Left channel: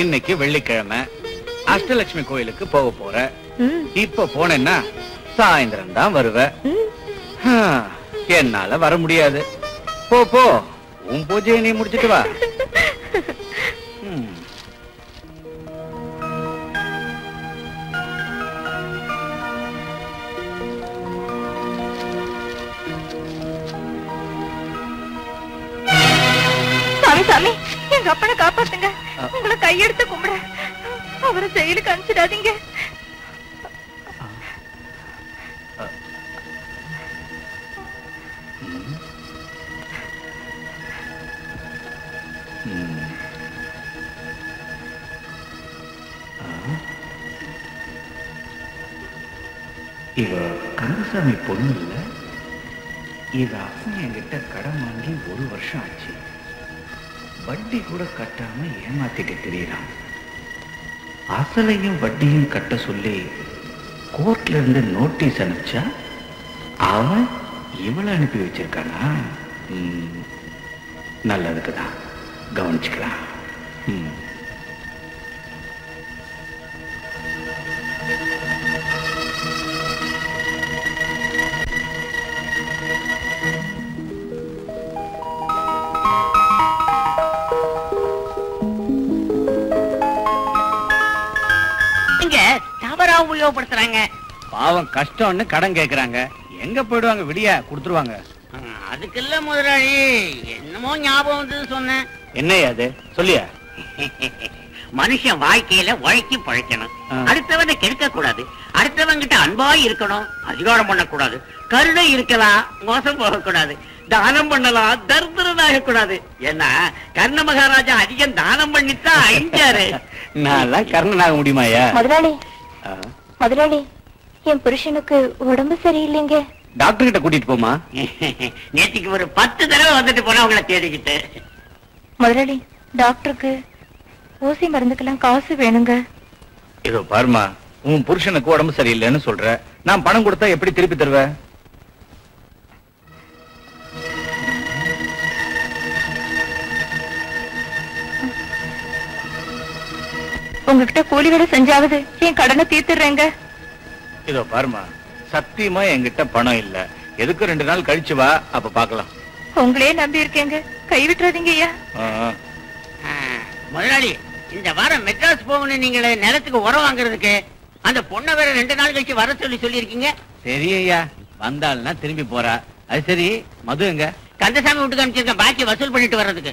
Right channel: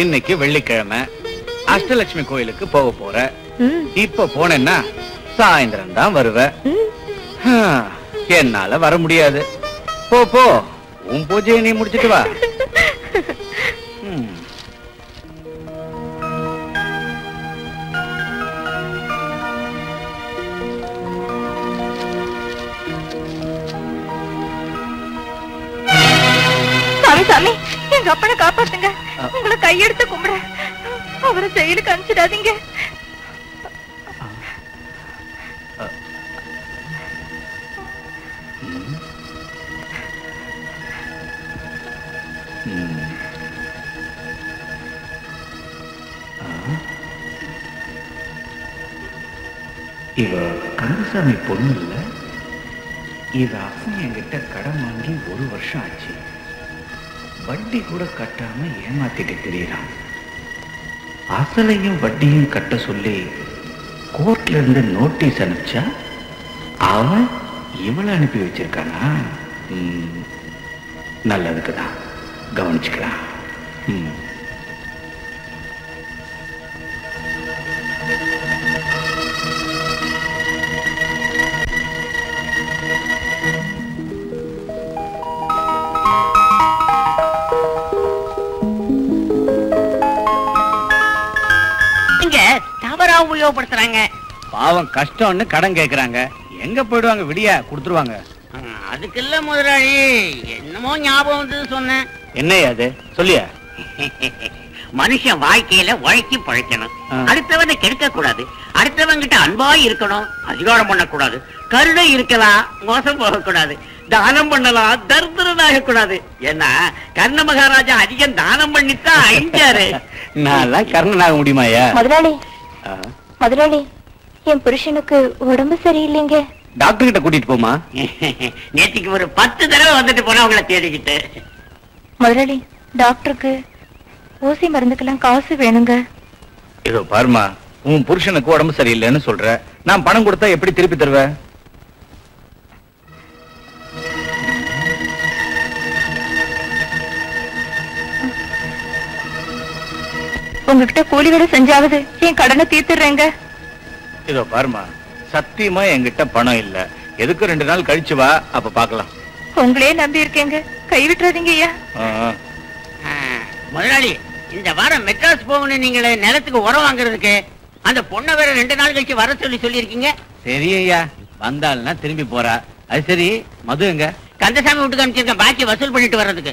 இன்னைக்கு வெள்ளிக்கிழமை. அஷ்டலட்சுமி கோயிலுக்கு போக போற. இப்ப போனேன்னா சாயந்தரம் தான் வருவ. என்னால வர முடியாது. போ போ. உன் பூஜையை நீ முடிச்சிட்டு வா. சாமி. எங்க அப்பனை காப்பாத்துங்க. கையெடுத்து கும்பிடுறேன் அவரை செயலுக்கு அனுப்பிச்சிடாதீங்க. இவ கந்தசாமி பொண்ணு இல்லை? இது அப்பன் என்கிட்ட கடன் வாங்கி ஒரு வருஷம் ஆச்சு. வட்டி கூட கட்டாம ஏமாத்திட்டு தெரியறான் அசலையும் வட்டியும் கட்ட சொல்லி கோர்ட்ல இருந்து நோட்டீஸ் அனுப்பிச்சா அவன் இவளை அனுப்பி வச்சிருக்கானா ம். நல்லதுக்கு தான் கவனிச்சுக்கலாம் ம். தவறா உபயோகப்படுத்துறாங்க. பாவம் கஷ்டம்னு கடன் கேக்குறாங்க. எங்க போயிடுவாங்க? விடியா கொடுத்துருவாங்க. ஆ, அதுக்கெல்ல முதலாளி என்னமோ ஞாபகம் வந்து சொன்னேன். என்னையா அது? சொல்லியா? மனுஷன் வாழ்க்கையில உழைக்கி பழைக்கணும். அடுத்தவனை கெடுக்க கூடாது அடுத்தவங்கிட்ட அன்பா இருக்கணும். அதிகாரம் பண்ணக்கூடாது. கருணை இருக்கலாம் மோசம் போகக்கூடாது. தானம் பண்ணலாம். தர்தரனாக கூடாது ஏன்னா கர்ண மகாராஜா அதிகம் தானம் பண்ணித்தான் அழிஞ்சாரு நான் கர்ணனாக முடியுமாயா முதலாளி. முதலாளி என் புருஷனுக்கு உடம்பு சரியில்லைங்க. டாக்டர் கிட்ட கூட்டிட்டு போமா? நேத்திக்கு ஒரு பத்து தடவை வந்துட்டு போனா அவங்கள தேடிக்கிட்டு. முதலாளி டாக்டருக்கு ஊசி மருந்துக்கெல்லாம் காசு வேணுங்க. இதோ பாருமா உன் புருஷனுக்கு உடம்பு சரியில்லைன்னு சொல்ற. நான் பணம் கொடுத்தா எப்படி திருப்பி தருவ? உங்ககிட்ட கூலி வேலை செஞ்சாவது என் கடனை தீர்த்துறேங்க இதோ பாருமா சத்தியமா என்கிட்ட பணம் இல்ல. எதுக்கு ரெண்டு நாள் கழிச்சு வா அப்ப பாக்கலாம். உங்களே நம்பி இருக்கேங்க. கை விட்டுறாதீங்க ஐயா. முதலாளி இந்த வாரம் மெட்ராஸ் போகணும் நீங்களே நிலத்துக்கு உரம் வாங்குறதுக்கு அந்த பொண்ணை வேற ரெண்டு நாள் கழிச்சு வர சொல்லி சொல்லியிருக்கீங்க. சரியா வந்தாள்னா திரும்பி போறா. அது சரி மது எங்க? கந்தசாமி வீட்டுக்கு அனுப்பிச்சிருக்க பாக்கி வசூல் பண்ணிட்டு வர்றதுக்கு.